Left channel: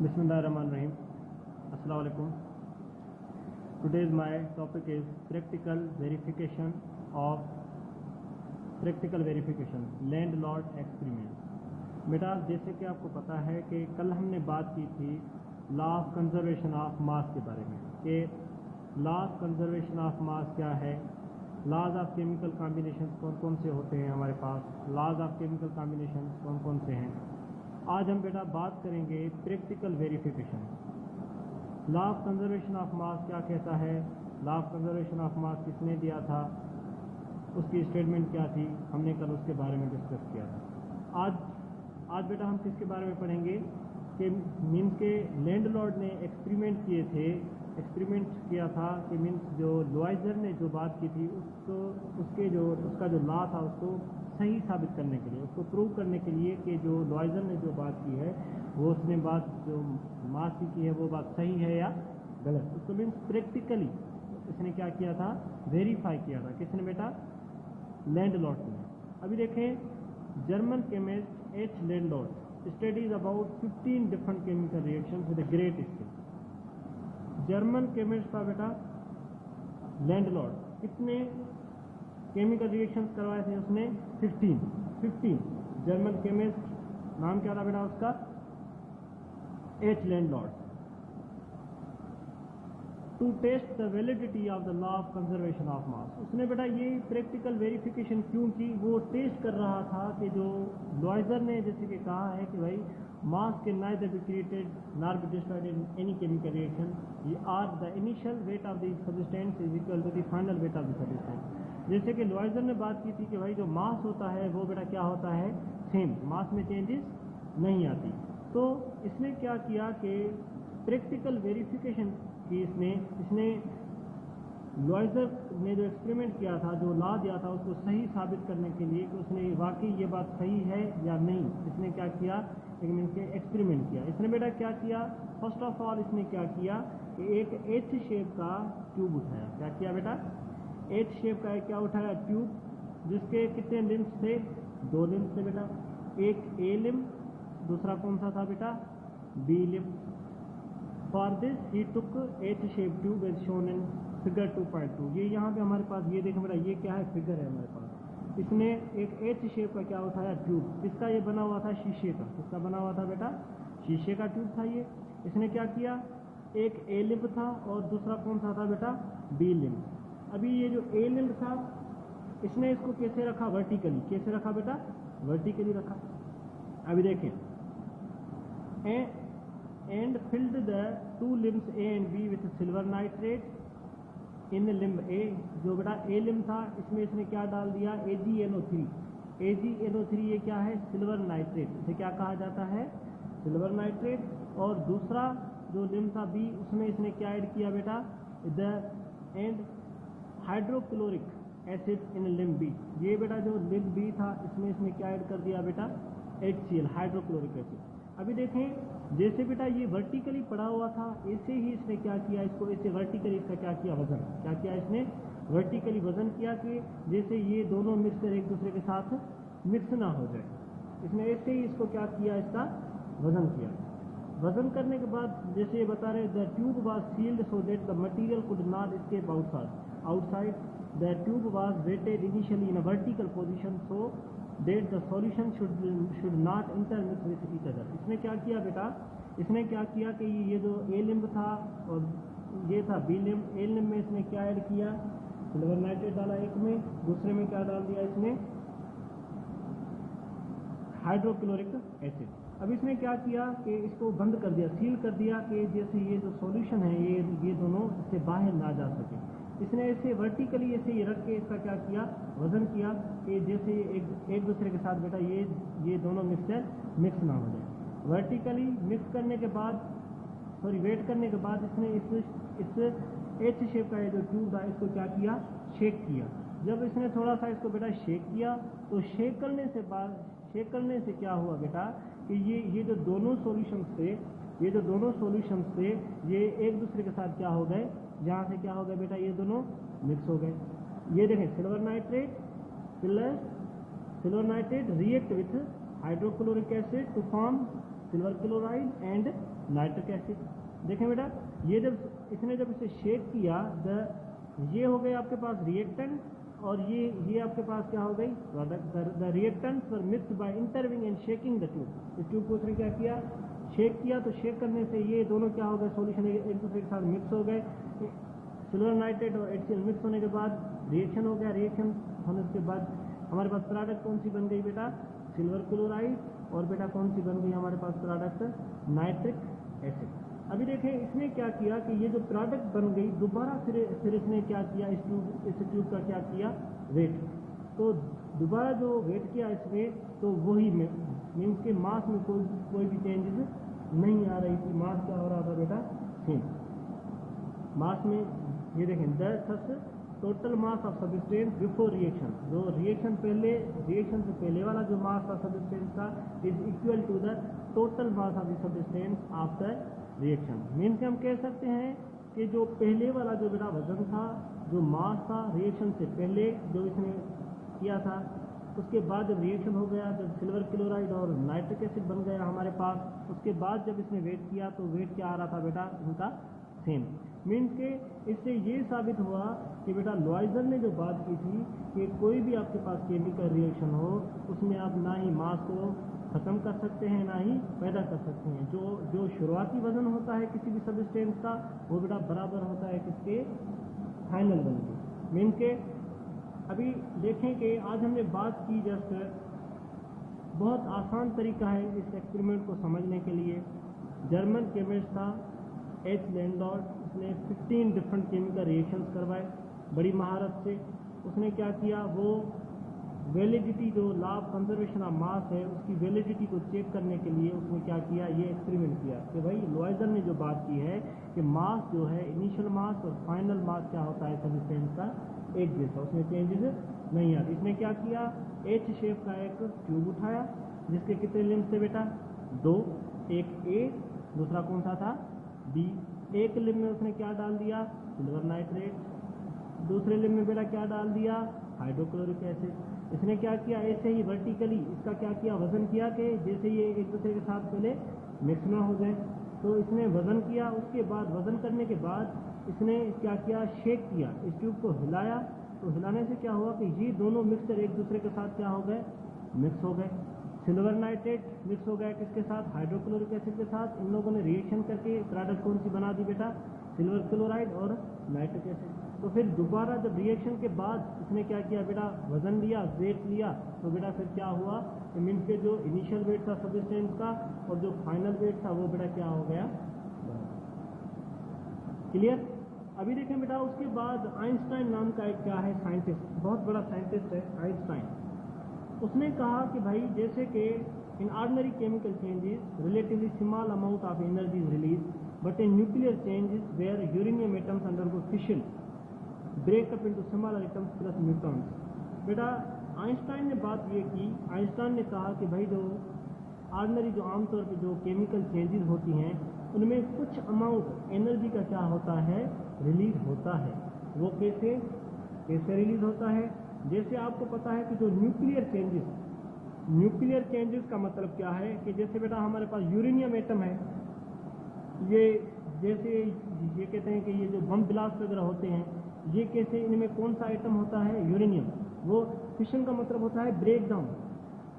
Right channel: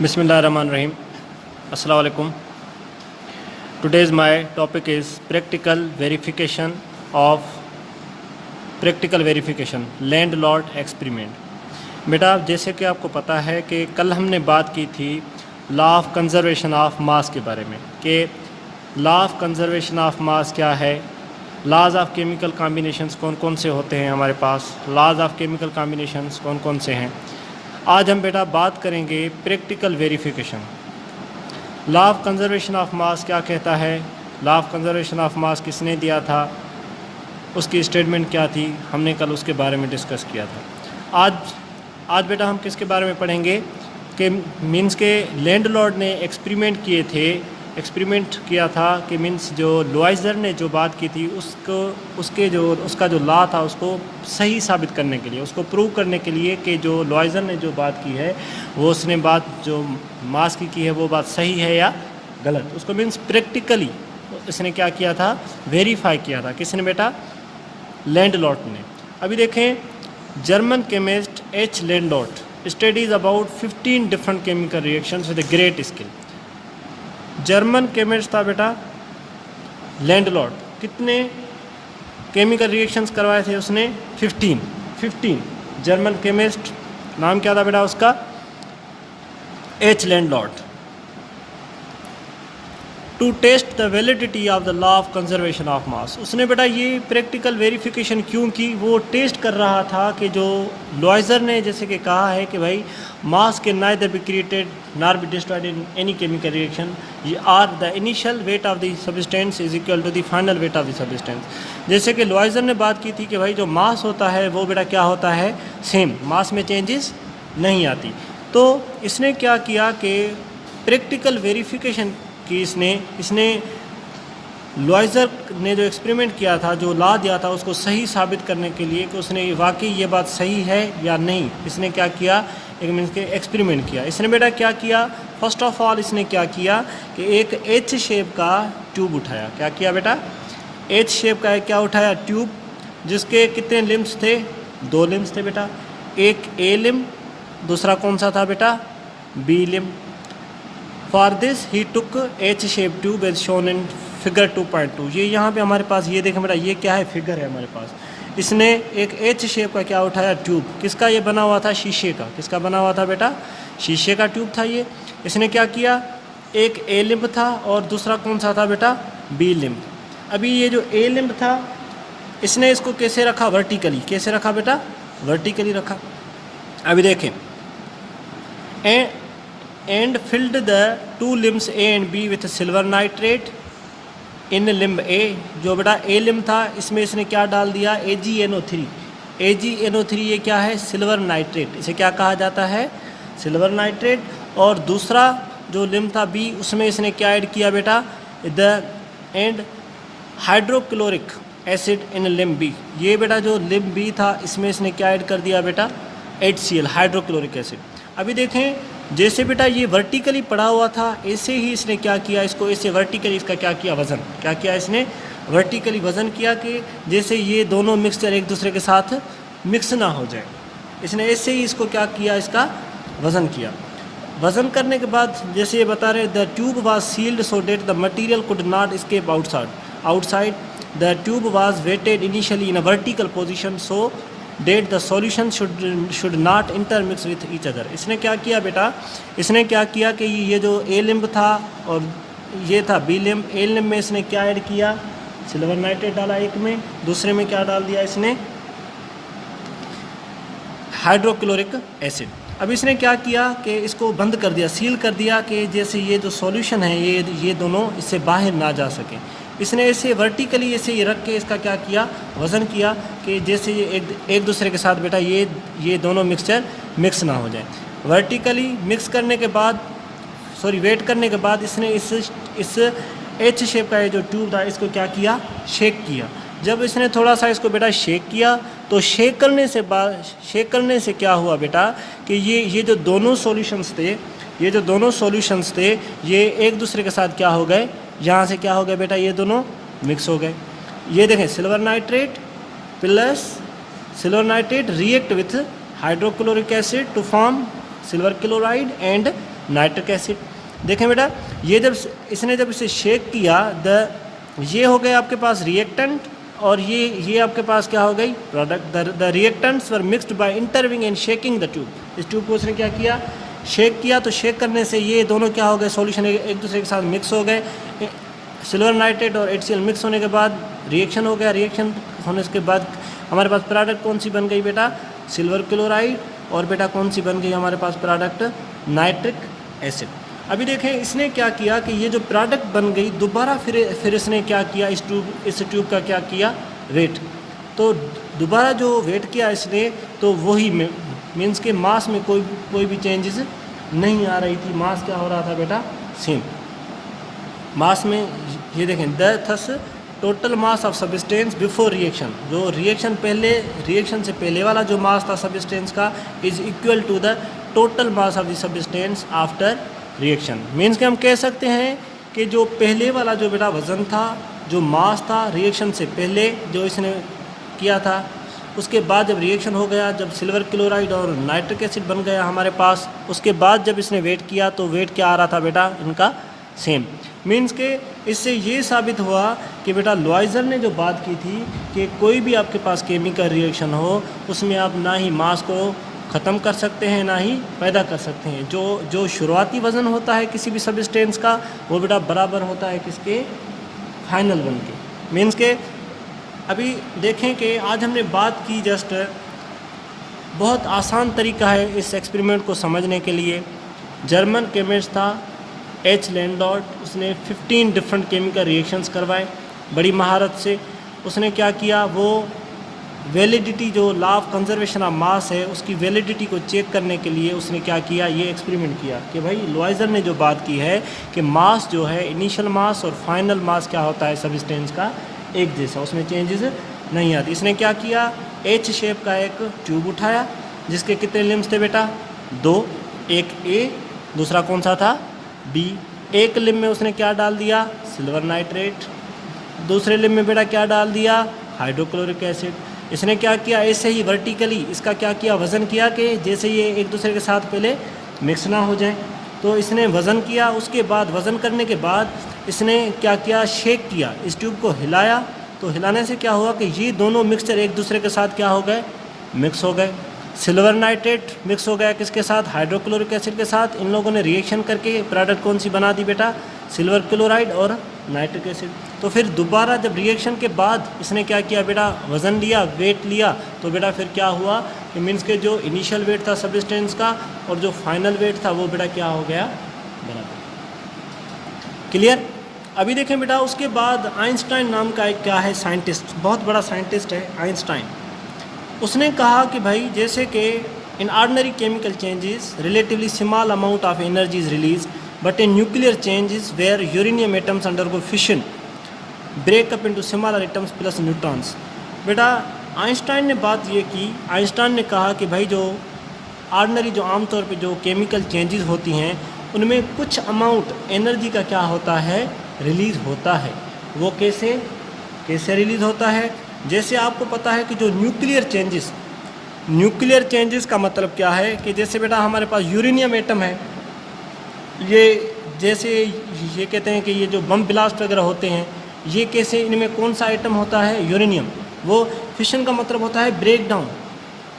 Bismillahirrahmanirrahim. Assalamu alaikum. Today's my topic is practical verification landlord experiment. बेटा जैसे कि आपको पता है कि कल हमने बात की थी लॉ ऑफ कंजर्वेशन ऑफ मास के बारे में कि लॉ ऑफ कंजर्वेशन ऑफ मास क्या है, लॉज ऑफ केमिकल कॉम्बिनेशंस कौन कौन से होते हैं हमारे पास, लॉज ऑफ केमिकल कॉम्बिनेशंस कौन कौन से हैं। आज हम बेटा बात करेंगे practical verification. Law of conservation of मास क्या कहता है, लॉ ऑफ कंजर्वेशन ऑफ मास किसने दिया था, उसकी स्टेटमेंट क्या थी, हमने कल उसके बारे में डिस्कस किया था। आज बेटा हम किसके बारे में पढ़ेंगे कि मीन्स के लैंडलॉर्ड ने एक्सपेरिमेंट किया था कि मीन्स जो लुआइजर ने जो बात की थी उसका जो लॉ था उसको सही साबित करने के लिए, उसको प्रूव करने के लिए कि जो लुआइजर ने जो बात की है वो उसने बात जो मास की है वो बात सही है या गलत, उसको मीन्स प्रैक्टिकली इसने क्या किया था, वेरीफाई किया था। किसने बेटा, लैंडलॉर्ड ने। अभी देखें German chemist H landlord studies about 15 different chemical reactions with great skill. German chemist था बेटा लैंडलॉर्ड, कितने केमिकल रिएक्शंस करवाए थे उसने, 15 जर्मन केमिस्ट, नाम क्या था बेटा उसका, एच landlord, to test the validity of the law of conservation of mass. उसने बेटा ये प्रैक्टिकल वेरिफिकेशन क्यों की, वो टेस्ट कर रहा था कि जो लुआइजर ने जैसे कि कहा है कि भाई मास के neither be created nor be destroyed in any chemical reaction or the initial weight of the substance is equal to the final weight of the substance. जैसे कि लुआइजर ने बात की थी कि भाई जो मास होता है वो बेटा क्या होता है, सेम, मास में चेंजेस नहीं आती। तो इसने क्या किया कि प्रैक्टिकल वेरिफिकेशन कि इसने लुआइजर ने जो एक्सपेरिमेंट किया था, जो लॉ दिया था, उसको सही साबित करने के लिए कि उसने वाकई ये बात सही है या नहीं, इसने क्या किया, एक मीन्स के एक्सपेरिमेंट किया। इसने बेटा क्या किया, फर्स्ट ऑफ ऑल इसने क्या किया कि एक एच शेप का ट्यूब उठाया। क्या किया बेटा, एच शेप का क्या उठाया, ट्यूब, जिसके कितने लिम्स थे, 2 लिम्स थे बेटा, एक ए लिम, दूसरा कौन सा था बेटा, बी लिम। For this he took H shape tube as shown in figure 2.2। ये यहाँ पे हमारे पास ये देखें बेटा, ये क्या है, फिगर है हमारे पास। इसने एक एच शेप का क्या उठाया, ट्यूब, किसका ये बना हुआ था, शीशे का। किसका बना हुआ था बेटा, शीशे का ट्यूब था ये। इसने क्या किया, एक ए लिम्ब था और दूसरा कौन सा था बेटा, बी लिम्ब। अभी ये जो ए लिम्ब था इसने इसको कैसे रखा, वर्टिकली। कैसे रखा बेटा, वर्टिकली रखा। अभी देखें, and filled the 2 limbs A and B with silver nitrate in limb A। जो बेटा A लिम्ब था इसमें इसने क्या डाल दिया, AgNO3। AgNO3 ये क्या है, सिल्वर नाइट्रेट, इसे क्या कहा जाता है, सिल्वर नाइट्रेट। और दूसरा जो लिम्ब था B, उसमें इसने क्या ऐड किया बेटा, the end hydrochloric acid in limb B। ये बेटा जो लिम्ब B था इसमें इसने क्या ऐड कर दिया बेटा, HCl, हाइड्रोक्लोरिक एसिड। अभी देखें जैसे बेटा ये वर्टिकली पड़ा हुआ था, ऐसे ही इसने क्या किया, इसको ऐसे वर्टिकली इसका क्या किया, वज़न। क्या किया इसने, वर्टिकली वज़न किया कि जैसे ये दोनों मिक्सचर एक दूसरे के साथ मिक्स ना हो जाए। इसने ऐसे ही इसको क्या किया, इसका वज़न किया। वज़न करने के बाद जैसे ये बता रहे, the tube was sealed so that the material could not escape outside the tube was weighted initially in a vertical position so that the solution should not intermix with each other. इसने क्या किया बेटा, इसने क्या किया कि ये जो ए लिम्ब था और ये था बी लिम्ब, ए लिम्ब में इसने क्या ऐड किया, सिल्वर नाइट्रेट डाला एक में, दूसरे में क्या डाल दिया इसने, हाइड्रोक्लोरिक एसिड। अब इसने क्या किया कि इसको बंद कर दिया, सील कर दिया कि जैसे ये जो सॉल्यूशन है ये दोनों इससे बाहर ना जा सकें। इसने ऐसे वर्टिकली ऐसे ही रख के इसका क्या किया, वज़न किया कि जैसे ये एक दूसरे के साथ बेटा ये दोनों मिक्सचर मिक्स ना हो जाए। वर्टिकली मिक्स करने के बाद, वेट करने के बाद इसने इस एच शेप का ये जो ट्यूब था इसको क्या किया, शेक किया। जब इसने थोड़ा सा इसको बेटा शेक किया तो शेक करने से क्या हुआ बेटा कि ये जो दोनों सॉल्यूशंस थे ये एक दूसरे के साथ क्या हो गए, यहाँ से क्या हो गए बेटा, ये दोनों मिक्स हो गए। ये देखें silver nitrate plus silver nitrate react with hydrochloric acid to form silver chloride and nitric acid. देखें बेटा, ये जब इसने जब इसे शेक किया, ये हो गए आपके पास रिएक्टेंट, और ये आपके पास क्या हो गई product. The reactants were mixed by inverting and shaking the tube. इस ट्यूब को उसने क्या किया, शेक किया। तो शेक करने से ये दोनों क्या हो गए, सॉल्यूशन एक दूसरे के साथ मिक्स हो गए। सिल्वर नाइट्रेट और HCl मिक्स होने के बाद रिएक्शन हो गया। रिएक्शन होने के बाद हमारे पास प्रोडक्ट कौन सी बन गई बेटा, सिल्वर क्लोराइड, और बेटा कौन सी बन गई हमारे पास प्रोडक्ट, नाइट्रिक एसिड। अभी देखें इसने क्या किया कि ये जो प्रोडक्ट बन गई, दोबारा फिर इसने क्या किया, इस ट्यूब का क्या किया, वेट। तो दोबारा जो वेट किया इसने, तो वही मीन्स के मास में कोई भी चेंजेस नहीं आ रही थी। मास क्या हो रहा था बेटा, सेम मास में। ये देखें, thus total mass of substance before reaction, जो रिएक्शन से पहले वाला जो मास था सब्सटेंस का, is equal to the total mass of the substance after reaction. Means कि हम कह सकते हैं कि जो पहले वाला जो बेटा वज़न था, जो मास था रिएक्शन से पहले जो इसने किया था, उसके बाद जब रिएक्शन हो गया, जब सिल्वर क्लोराइड और नाइट्रिक एसिड बन गया हमारे पास, उसके बाद जब इसने वेट किया तो वेट क्या आ रहा था बेटा, इनका सेम। मीन्स के इससे ये साबित हुआ कि बेटा लॉयजर ने जो बात की थी कि कोई भी आपके पास केमिकल रिएक्शन हो, उसमें आप ना ही मास को ख़त्म कर सकते हैं ना ही पैदा कर सकते हैं। जो शुरुआती वज़न होता है किसी भी सब्सटेंस का, वो बेटा बराबर होता है किसके, फाइनल वन के। मीन्स के अभी देखें कि आज हमने बात की, जस्ट बहुत आसान तरीका है इस एक्सपेरिमेंट को समझने के लिए। जर्मन केमिस्ट था H. लैंडॉर्ट, उसने 15 डिफरेंट केमिकल रिएक्शंस करवाए बड़ी महारत से। उसने क्या किया, वो वैलिडिटी, जो लॉ ऑफ कंजर्वेशन ऑफ मास है, उसकी वैलिडिटी को चेक करने के लिए उसने क्या किया, ये एक्सपेरिमेंट किया कि भाई लॉयजर ने जो बात की है कि मास जो है, इनिशियल मास और फाइनल मास क्या होता है सब्सटेंस का, एक जैसा, उसमें चेंजेस नहीं आती। इसने क्या किया, H शेप का एक ट्यूब उठाया जिसके कितने लिम्स थे बेटा, 2, एक A, दूसरा कौन सा था, B। एक लिम में उसने क्या डाल दिया, सिल्वर नाइट्रेट, दूसरे लिम में बेटा क्या डाल दिया, हाइड्रोक्लोरिक एसिड। इसने क्या किया, ऐसे ही वर्टिकली इसका क्या किया, वज़न किया कि जैसे ये एक दूसरे के साथ पहले मिक्स ना हो जाए। तो इसने वज़न किया, उसके बाद वज़न करने के बाद इसने क्या किया, शेक किया, इस ट्यूब को हिलाया। तो हिलाने से क्या हुआ कि ये दोनों मिक्सचर एक दूसरे के साथ क्या हो गए, मिक्स हो गए। सिल्वर नाइट्रेट मिक्स हो गया किसके साथ, हाइड्रोक्लोरिक एसिड के साथ। इन लोगों ने रिएक्शन करके प्रोडक्ट कौन सी बना दी बेटा, सिल्वर क्लोराइड और नाइट्रिक एसिड। तो फिर दोबारा जब रिएक्शन के बाद इसने क्या किया बेटा, वज़न लिया, वेट लिया, तो बेटा फिर क्या हुआ कि मीन्स के जो इनिशियल वेट था सब्सटेंस का और जो फाइनल वेट था वो बेटा क्या हो गया, बराबर। क्लियर। अभी देखें बेटा, उसके बाद आइंस्टाइन नाम का एक क्या है, साइंटिस्ट, बहुत बड़ा साइंटिस्ट है आइंस्टाइन। उसने कहा कि भाई जैसे कि in ordinary chemical changes relatively small amount of energy is release, but in nuclear changes where uranium atoms undergo fission break up into smaller atoms plus neutrons. बेटा आइंस्टाइन ने बात ये की, आइंस्टाइन ने कहा कि भाई जो ऑर्डिनरी, जो आमतौर पे जो केमिकल चेंजेस होती हैं, उनमें कुछ अमाउंट एनर्जी का क्या होता है, रिलीज़ होता है। वो कैसे रिलीज़ होता है, जैसे आपको पता है कि जो न्यूक्लियर चेंजेस का मतलब क्या है कि जैसे बेटा हमारे पास यूरेनियम एटम है, ये जैसे ये कहते हैं कि ये जो बम ब्लास्ट वगैरह होते हैं, ये कैसे, इनमें कौन सा आइटम होता है, यूरेनियम। वो फिशन का मतलब होता है ब्रेक डाउन,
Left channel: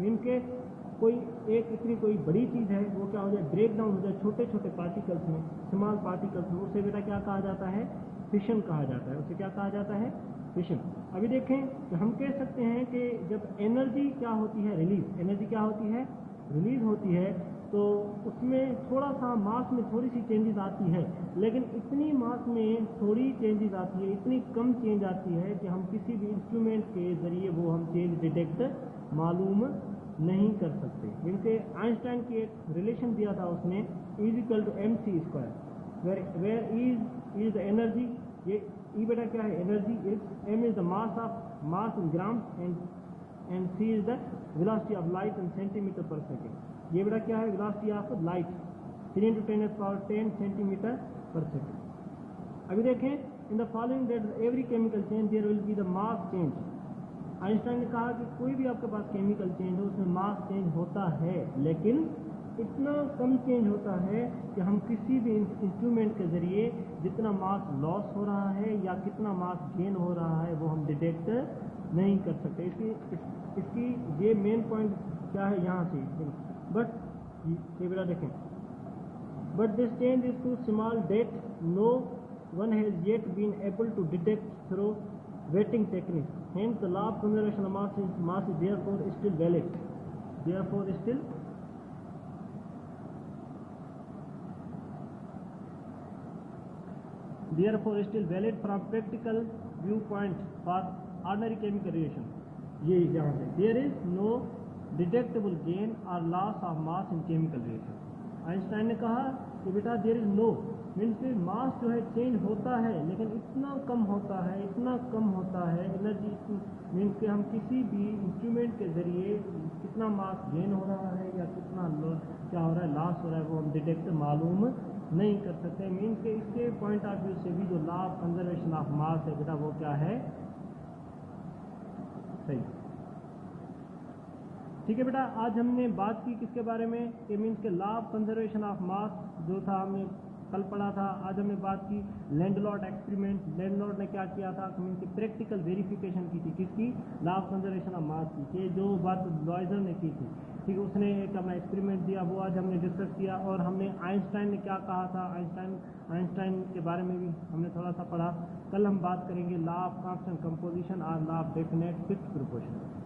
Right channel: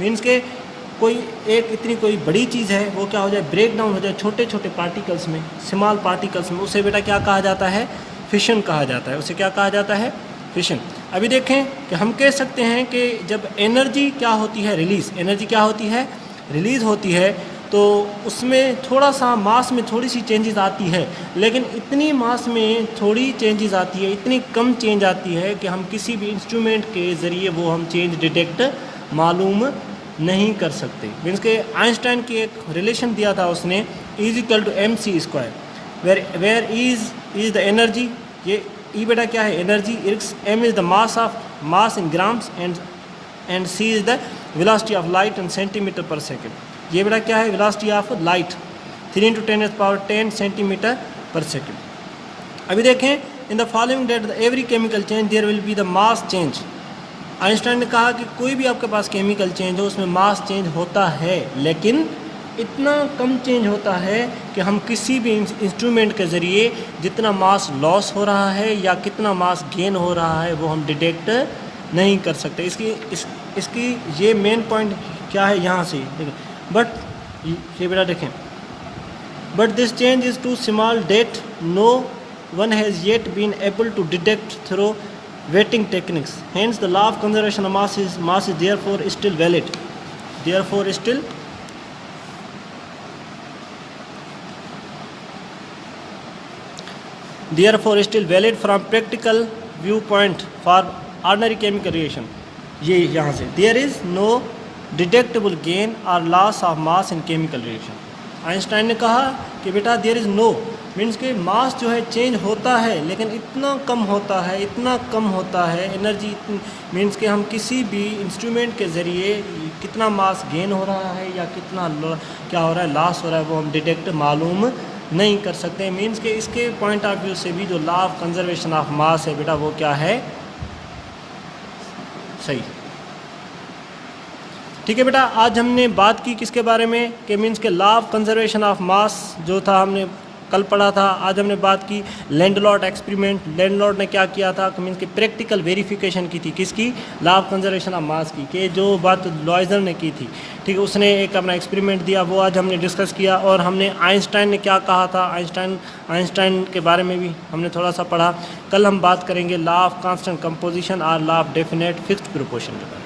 मीन्स के कोई एक इतनी कोई बड़ी चीज़ है वो क्या हो जाए, ब्रेक डाउन हो जाए छोटे छोटे पार्टिकल्स में, स्मॉल पार्टिकल्स में, उसे बेटा क्या कहा जाता है, फिशन कहा जाता है। उसे क्या कहा जाता है, फिशन। अभी देखें कि हम कह सकते हैं कि जब एनर्जी क्या होती है, एनर्जी क्या होती है, रिलीज़ होती है, तो उसमें थोड़ा सा मास में थोड़ी सी चेंजेस आती है, लेकिन इतनी मास में थोड़ी चेंजेस आती है, इतनी कम चेंज आती है कि हम किसी भी इंस्ट्रूमेंट के ज़रिए वो हम चेंज डिटेक्ट मालूम नहीं कर सकते। मीन्स के आइंस्टाइन की एक रिलेशन दिया था उसने, is equal to mc², where is the energy, ये ई बेटा क्या है, energy, m is the mass in grams and c is the velocity of light in centimetre per second. ये बेटा क्या है, velocity of light 3 × 10⁻10 centimetre per second. अभी देखें, in the following that every chemical change there will be the mass change. Einstein ने कहा कि कोई भी आपके पास केमिकल चेंज हो उसमें मास चेंज होता है, लेकिन इतना कम चेंज होता है कि हम किसी भी इंस्ट्रूमेंट के ज़रिए जितना मास लॉस हो रहा है या कितना मास गेन हो रहा है वो हम डिटेक्ट नहीं कर सकते। इसकी ये मेन पॉइंट क्या है यहाँ से देखिए, बट ये बेटा देखें, but this change is too small that no one has yet been able to detect through weighting techniques, hence the law of conservation of mass is therefore still valid, therefore still therefore still valid from practical viewpoint for ordinary chemical reaction। ये यहाँ से there is no detectable gain or loss of mass in chemical reaction। Einstein ने कहा कि बेटा there is no means कि मास जो है चेंज होता है लेकिन इतना कम होता है, इतना कम होता है एनर्जी, मीन्स कि हम किसी भी इंस्ट्रूमेंट के ज़रिए कितना मास गेन हो रहा है या कितना क्या हो रहा है लॉस हो रहा है वो हम डिटेक्ट मालूम नहीं कर सकते। मीन्स कि इसके पॉइंट ऑफ व्यू से भी जो लॉ ऑफ कंजर्वेशन ऑफ मास है बेटा वो क्या है, सही। ठीक है बेटा, आज हमने बात की किसके बारे में कि मीन्स के लॉ ऑफ कंजर्वेशन ऑफ मास जो था हमने कल पढ़ा था। आज हमने बात की लैंडलॉर्ड एक्सपेरिमेंट, लैंडलॉर्ड ने क्या किया था मीन्स की प्रैक्टिकल वेरिफिकेशन की थी किसकी, लॉ ऑफ कंजर्वेशन ऑफ मास की, कि जो बात लॉयजर ने की थी, ठीक है, उसने एक अपना एक्सपेरिमेंट दिया, वो आज हमने डिस्कस किया। और हमने आइंस्टाइन ने क्या कहा था, आइंस्टाइन के बारे में भी हमने थोड़ा सा पढ़ा। कल हम बात करेंगे लॉ ऑफ कांस्टेंट कंपोजिशन और law of definite fixed proportion के बारे में।